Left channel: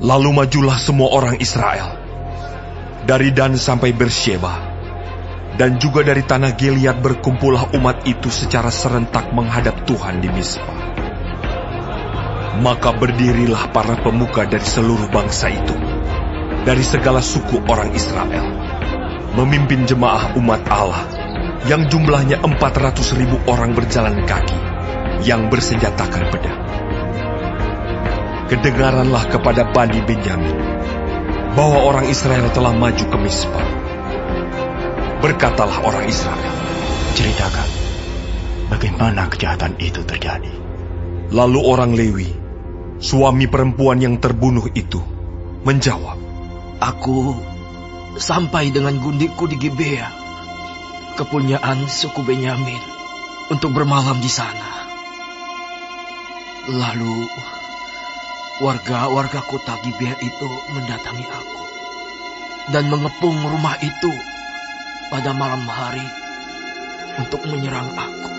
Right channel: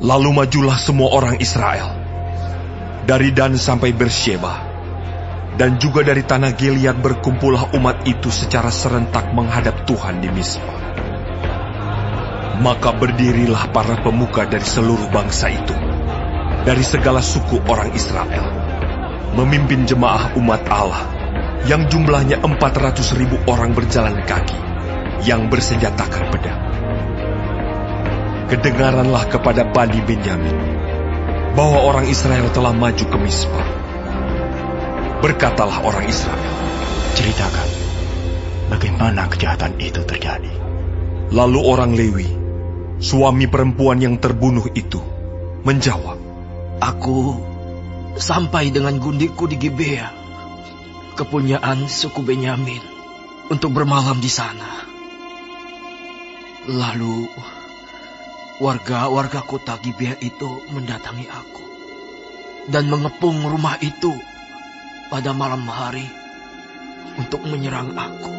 Lalu majulah semua orang Israel, dari Dan sampai Bersheba, dan juga dari tanah Gilead berkumpullah umat itu secara serentak menghadap Tuhan di Mispa. Maka berdirilah para pemuka dari seluruh bangsa itu, dari segala suku orang Israel, memimpin jemaah umat Allah, yang jumlahnya 400.000 orang berjalan kaki, yang bersenjatakan pedang. Kedengaranlah kepada Bani Benyamin, bahwa orang Israel telah maju ke Mispa. Berkatalah orang Israel, ceritakan, bagaimana kejahatan itu terjadi. Lalu orang Lewi, suami perempuan yang terbunuh itu, menjawab, Aku sampai dengan gundikku di Gibea, kepunyaan suku Benyamin, untuk bermalam di sana. Lalu warga-warga kota Gibea itu mendatangi aku dan mengepung rumah itu pada malam hari untuk menyerang aku.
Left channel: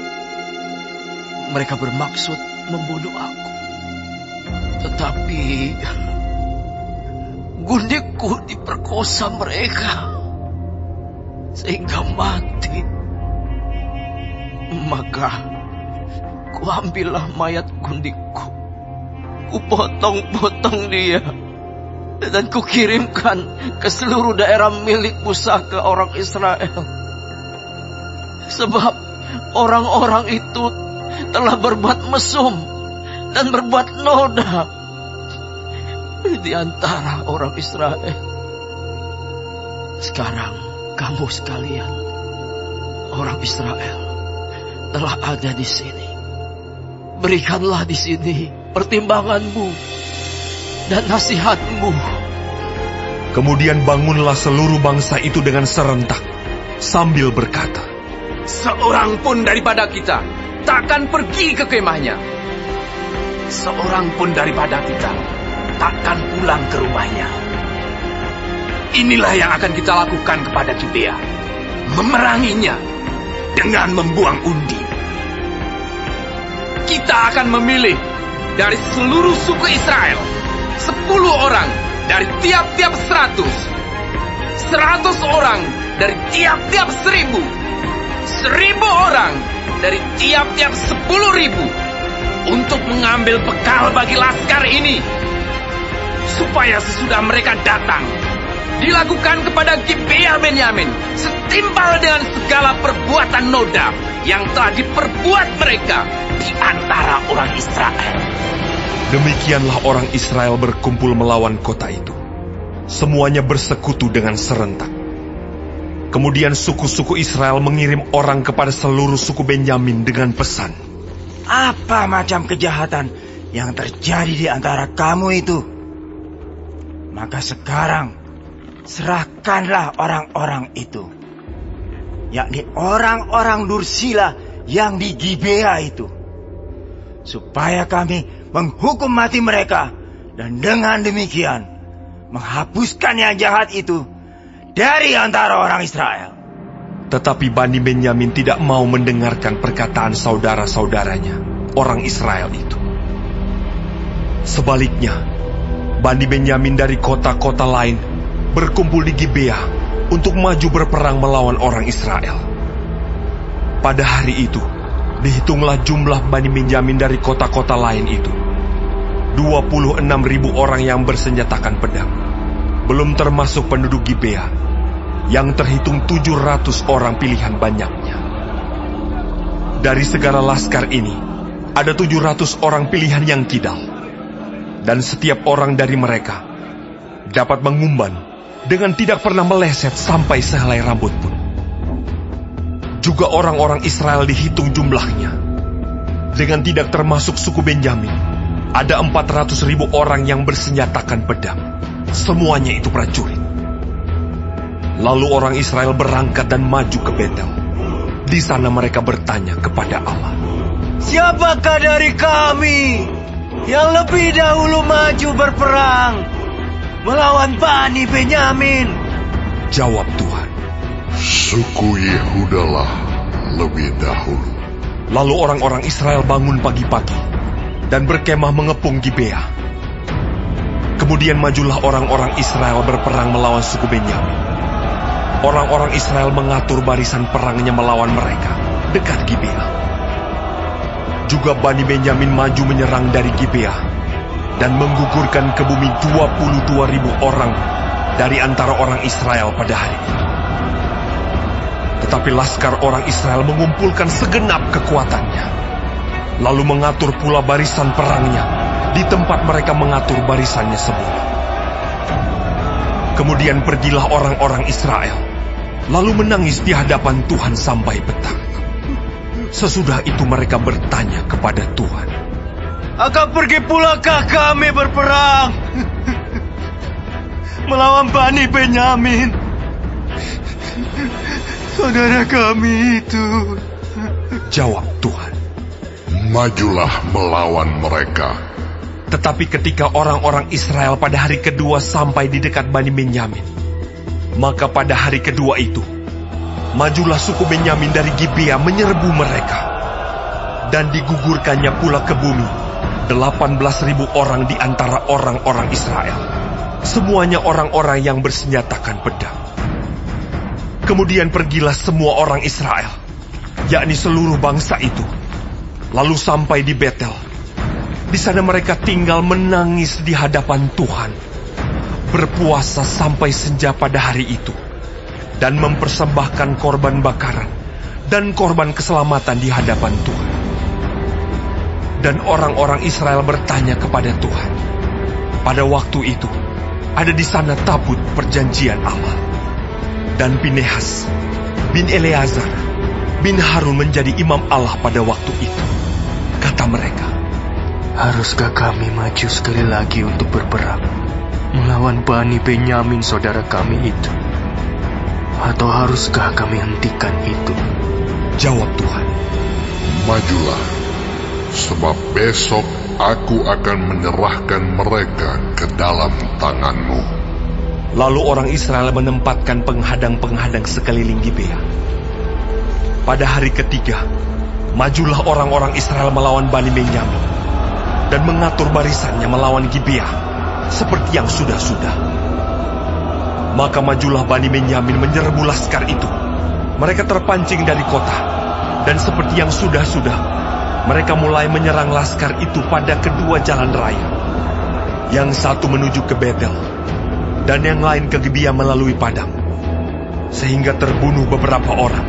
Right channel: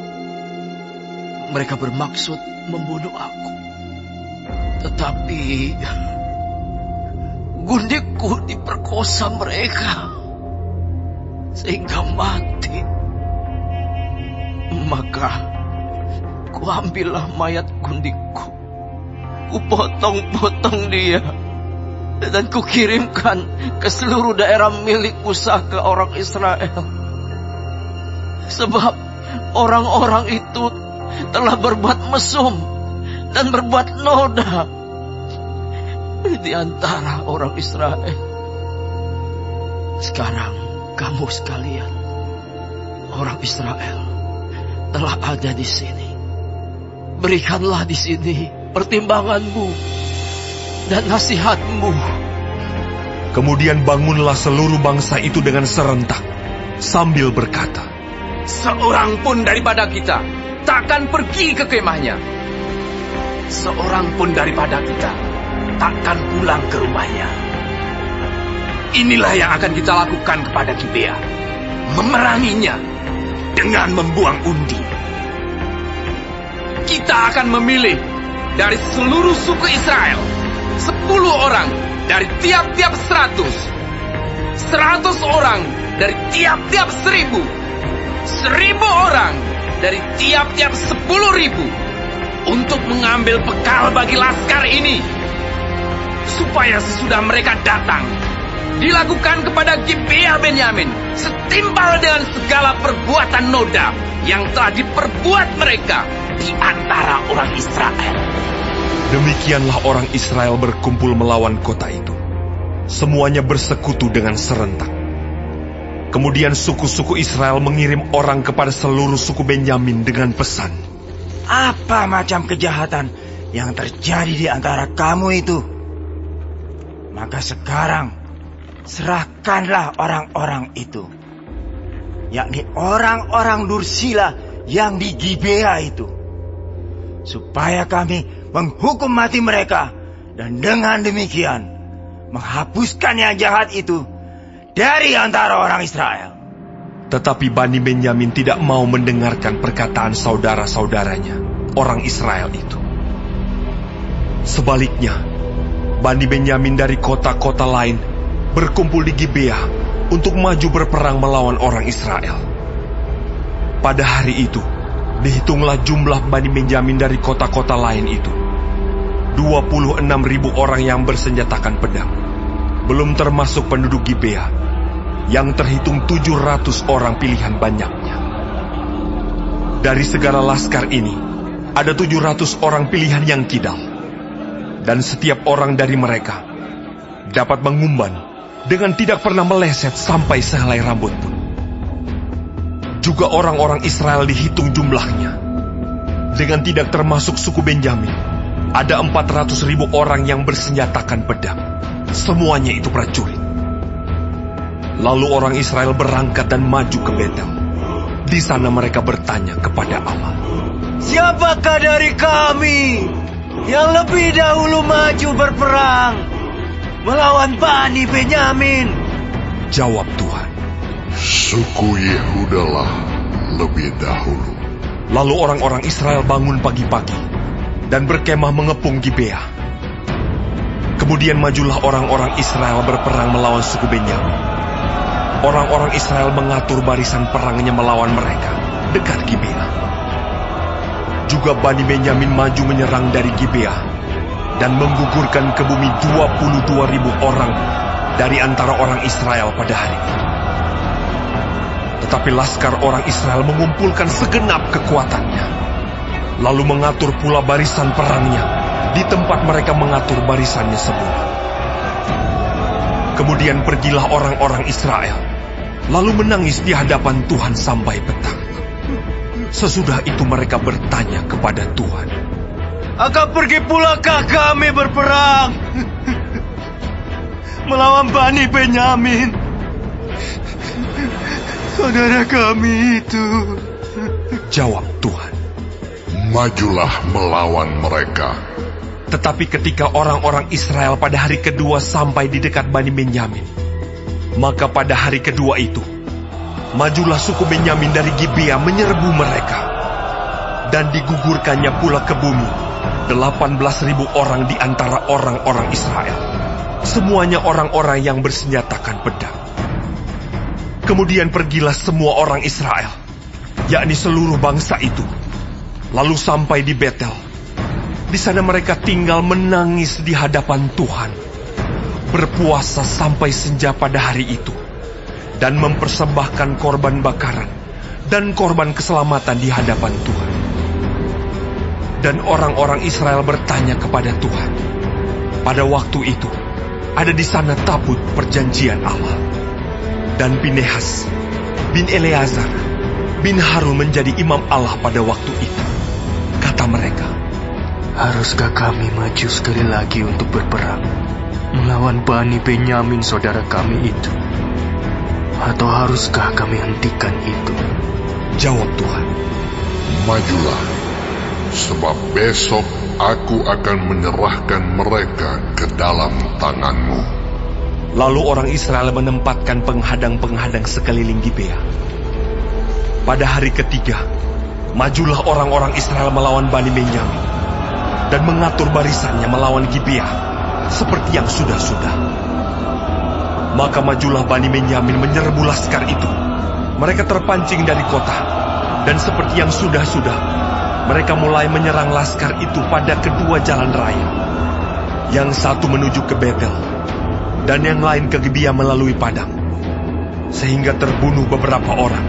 Mereka bermaksud membunuh aku, tetapi gundikku diperkosa mereka sehingga mati. Maka kuambillah mayat gundikku, kupotong-potong dia, dan kukirimkan ke seluruh daerah milik Musa ke orang Israel. Sebab orang-orang itu telah berbuat mesum dan berbuat noda di antara orang Israel. Sekarang kamu sekalian, orang Israel, telah ada di sini. Berikanlah di sini pertimbanganmu dan nasihatmu. Kemudian bangunlah seluruh bangsa itu dengan serentak, sambil berkata, Seorang pun daripada kita takkan pergi ke kemahnya. Seorang pun daripada kita takkan pulang ke rumahnya. Inilah yang akan kita lakukan kepada Gibea, memeranginya dengan membuang undi. Kita akan memilih dari seluruh suku Israel 10 orang dari tiap-tiap 100, 100 orang dari tiap-tiap 1.000, 1.000 orang dari tiap-tiap 10.000 untuk mengambil bekal bagi laskar ini, supaya sesudah mereka datang dilakukan kepada Gibea Benyamin setimpal dengan segala perbuatan noda yang telah diperbuat mereka di antara orang Israel. Demikianlah orang Israel berkumpul melawan kota itu. Semuanya bersekutu dengan serentak. Kemudian suku-suku Israel mengirim orang kepada seluruh suku Benyamin dengan pesan, Apa macam kejahatan yang terjadi di antara kamu itu? Maka sekarang serahkanlah orang-orang itu, yakni orang-orang Dursila yang di Gibea itu, supaya kami menghukum mati mereka, dan dengan demikian menghapuskan yang jahat itu dari antara orang Israel. Tetapi Bani Benyamin tidak mau mendengarkan perkataan saudara-saudaranya, orang Israel itu. Sebaliknya, Bani Benyamin dari kota-kota lain berkumpul di Gibea untuk maju berperang melawan orang Israel. Pada hari itu, dihitunglah jumlah Bani Benyamin dari kota-kota lain itu, 26.000 orang yang bersenjatakan pedang, belum termasuk penduduk Gibea, yang terhitung 700 orang pilihan banyaknya. Dari segala laskar ini, ada 700 orang pilihan yang kidal, dan setiap orang dari mereka dapat mengumban dengan tidak pernah meleset sampai sehelai rambut pun. Juga orang-orang Israel dihitung jumlahnya, dengan tidak termasuk suku Benyamin, ada 400.000 orang yang bersenjatakan pedang. Semuanya itu prajurit. Lalu orang Israel berangkat dan maju ke Betel. Di sana mereka bertanya kepada Allah, Siapakah dari kami yang lebih dahulu maju berperang melawan Bani Benyamin? Jawab Tuhan, Suku Yehudalah lebih dahulu. Lalu orang-orang Israel bangun pagi-pagi dan berkemah mengepung Gibea. Kemudian majulah orang-orang Israel berperang melawan suku Benyamin. Orang-orang Israel mengatur barisan perangnya melawan mereka dekat Gibea. Juga Bani Benyamin maju menyerang dari Gibea dan menggugurkan ke bumi 22.000 orang dari antara orang Israel pada hari itu. Tetapi laskar orang Israel mengumpulkan segenap kekuatannya, lalu mengatur pula barisan perangnya di tempat mereka mengatur barisannya semula. Kemudian pergilah orang-orang Israel, lalu menangis di hadapan Tuhan sampai petang. Sesudah itu mereka bertanya kepada Tuhan, "Akan pergi pulakah kami berperang melawan Bani Benyamin, saudara kami itu?" Jawab Tuhan, "Majulah melawan mereka." Tetapi ketika orang-orang Israel pada hari kedua sampai di dekat Bani Benyamin, maka pada hari kedua itu, majulah suku Benyamin dari Gibea menyerbu mereka, dan digugurkannya pula ke bumi 18.000 orang di antara orang-orang Israel, semuanya orang-orang yang bersenjatakan pedang. Kemudian pergilah semua orang Israel, yakni seluruh bangsa itu, lalu sampai di Betel. Di sana mereka tinggal menangis di hadapan Tuhan, berpuasa sampai senja pada hari itu, dan mempersembahkan korban bakaran dan korban keselamatan di hadapan Tuhan. Dan orang-orang Israel bertanya kepada Tuhan. Pada waktu itu, ada di sana tabut perjanjian Allah. Dan Pinehas bin Eleazar bin Harun menjadi imam Allah pada waktu itu. Kata mereka, Haruskah kami maju sekali lagi untuk berperang melawan Bani Benyamin saudara kami itu? Atau haruskah kami hentikan itu? Jawab Tuhan, "Majulah, sebab besok aku akan menyerahkan mereka ke dalam tanganmu." Lalu orang Israel menempatkan penghadang-penghadang sekeliling Gibea. Pada hari ketiga, majulah orang-orang Israel melawan Bani Benyamin dan mengatur barisannya melawan Gibea seperti yang sudah-sudah. Maka majulah Bani Benyamin menyerbu laskar itu. Mereka terpancing dari kota, dan seperti yang sudah-sudah, mereka mulai menyerang laskar itu pada kedua jalan raya. Yang satu menuju ke Betel, dan yang lain ke Gibea melalui padang. Sehingga terbunuh beberapa orang,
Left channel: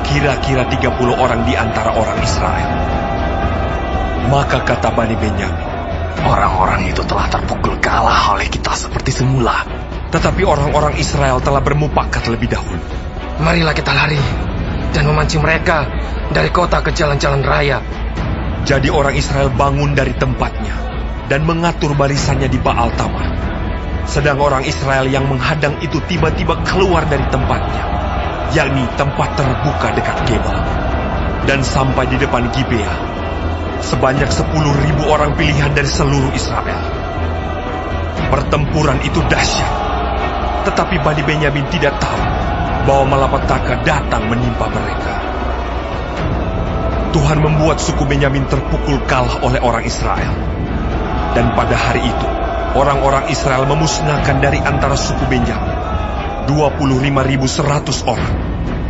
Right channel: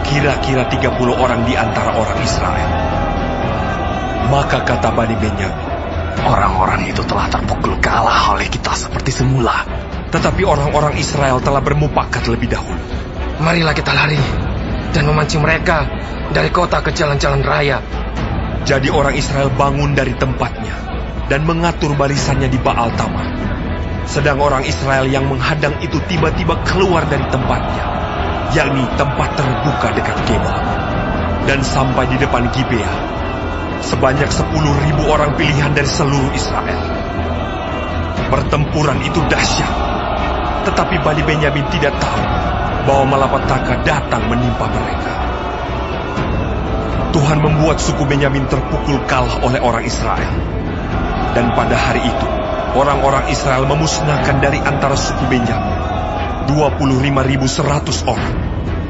kira-kira 30 orang di antara orang Israel. Maka kata Bani Benyamin, Orang-orang itu telah terpukul kalah oleh kita seperti semula. tetapi orang-orang Israel telah bermufakat lebih dahulu. Marilah kita lari dan memancing mereka dari kota ke jalan-jalan raya. Jadi orang Israel bangun dari tempatnya dan mengatur barisannya di Baal Tamar. Sedang orang Israel yang menghadang itu tiba-tiba keluar dari tempatnya, yakni tempat terbuka dekat Geba, dan sampai di depan Gibea. Sebanyak 10.000 orang pilihan dari seluruh Israel. Pertempuran itu dahsyat, tetapi Bani Benyamin tidak tahu bahwa malapetaka datang menimpa mereka. Tuhan membuat suku Benyamin terpukul kalah oleh orang Israel. Dan pada hari itu, orang-orang Israel memusnahkan dari antara suku Benyamin 25.100 orang,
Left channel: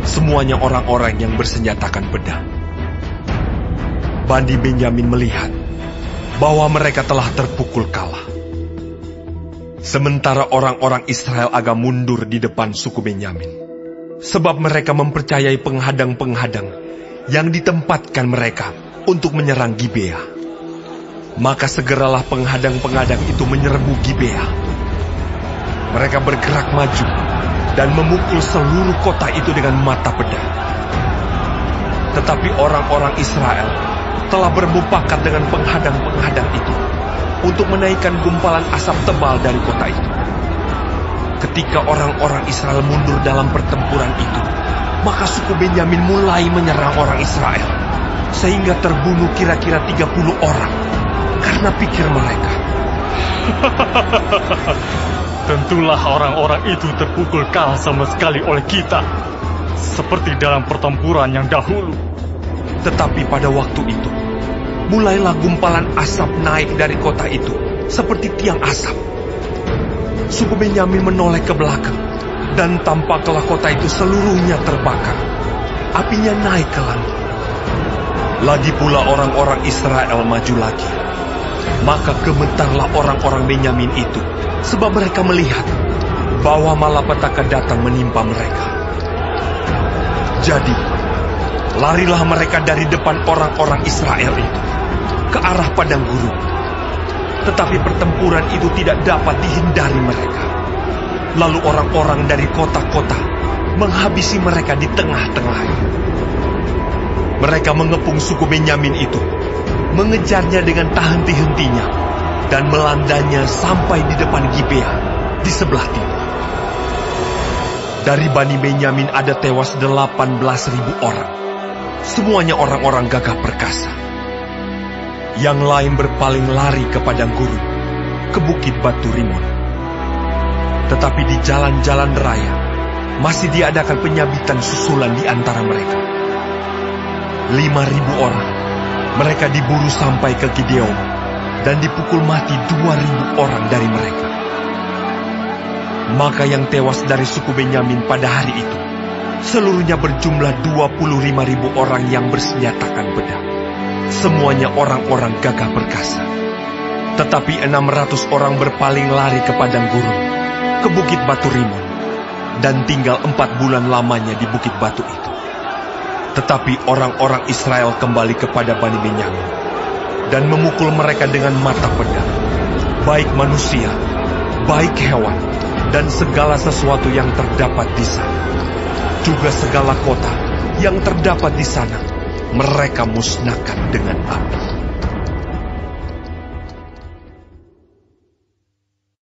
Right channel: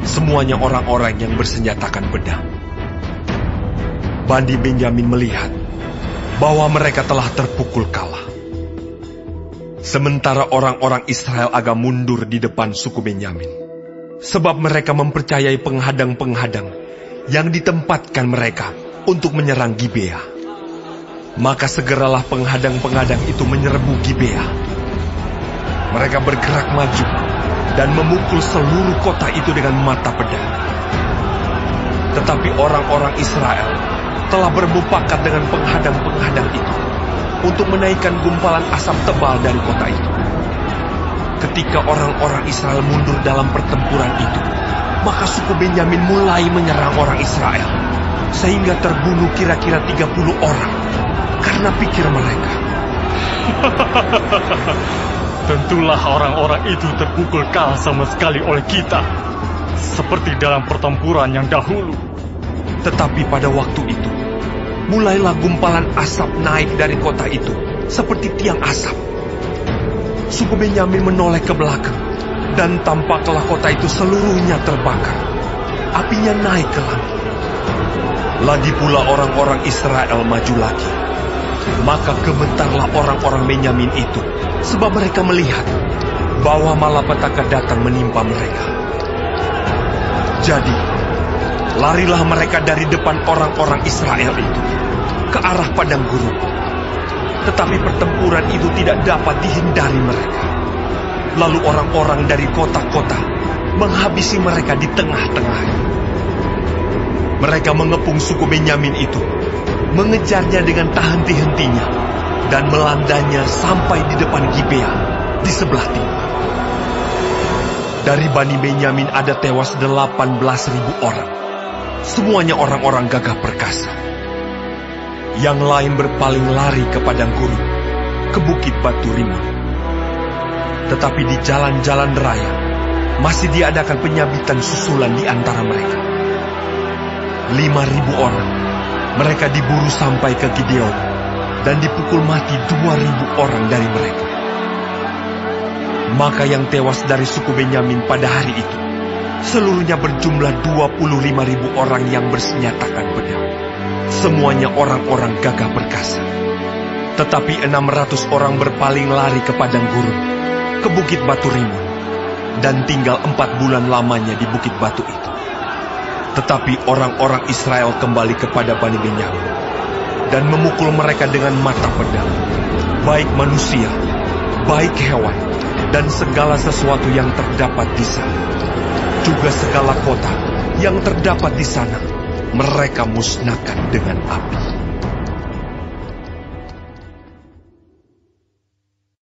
semuanya orang-orang yang bersenjatakan pedang. Bani Benyamin melihat bahwa mereka telah terpukul kalah. Sementara orang-orang Israel agak mundur di depan suku Benyamin, sebab mereka mempercayai penghadang-penghadang yang ditempatkan mereka untuk menyerang Gibea. Maka segeralah penghadang-penghadang itu menyerbu Gibea. Mereka bergerak maju dan memukul seluruh kota itu dengan mata pedang. Tetapi orang-orang Israel telah bermufakat dengan penghadang-penghadang itu untuk menaikkan gumpalan asap tebal dari kota itu. Ketika orang-orang Israel mundur dalam pertempuran itu, maka suku Benyamin mulai menyerang orang Israel, sehingga terbunuh kira-kira 30 orang, karena pikir mereka, Tentulah orang-orang itu terpukul kalah sama sekali oleh kita, seperti dalam pertempuran yang dahulu. Tetapi pada waktu itu, mulailah gumpalan asap naik dari kota itu, seperti tiang asap, suku Benyamin menoleh ke belakang, dan tampaklah kota itu seluruhnya terbakar. Apinya naik ke langit. Lagi pula orang-orang Israel maju lagi. Maka gemetarlah orang-orang Benyamin itu, sebab mereka melihat bahwa malapetaka datang menimpa mereka. Jadi, larilah mereka dari depan orang-orang Israel itu ke arah padang gurun. Tetapi pertempuran itu tidak dapat dihindari mereka. Lalu orang-orang dari kota-kota menghabisi mereka di tengah-tengahnya. Mereka mengepung suku Benyamin itu, mengejarnya dengan tak henti-hentinya, dan melandanya sampai di depan Gibea di sebelah timur. Dari Bani Benyamin ada tewas 18.000 orang. Semuanya orang-orang gagah perkasa. Yang lain berpaling lari ke padang gurun, ke bukit Batu Rimon. Tetapi di jalan-jalan raya masih diadakan penyabitan susulan di antara mereka. 5.000 orang. Mereka diburu sampai ke Gideon, dan dipukul mati 2.000 orang dari mereka. Maka yang tewas dari suku Benyamin pada hari itu, seluruhnya berjumlah 25.000 orang yang bersenjatakan pedang. Semuanya orang-orang gagah perkasa. Tetapi 600 orang berpaling lari ke padang gurun, ke bukit Batu Rimon, dan tinggal 4 bulan lamanya di bukit batu itu. Tetapi orang-orang Israel kembali kepada Bani Benyamin dan memukul mereka dengan mata pedang, baik manusia, baik hewan, dan segala sesuatu yang terdapat di sana. Juga segala kota yang terdapat di sana mereka musnahkan dengan api.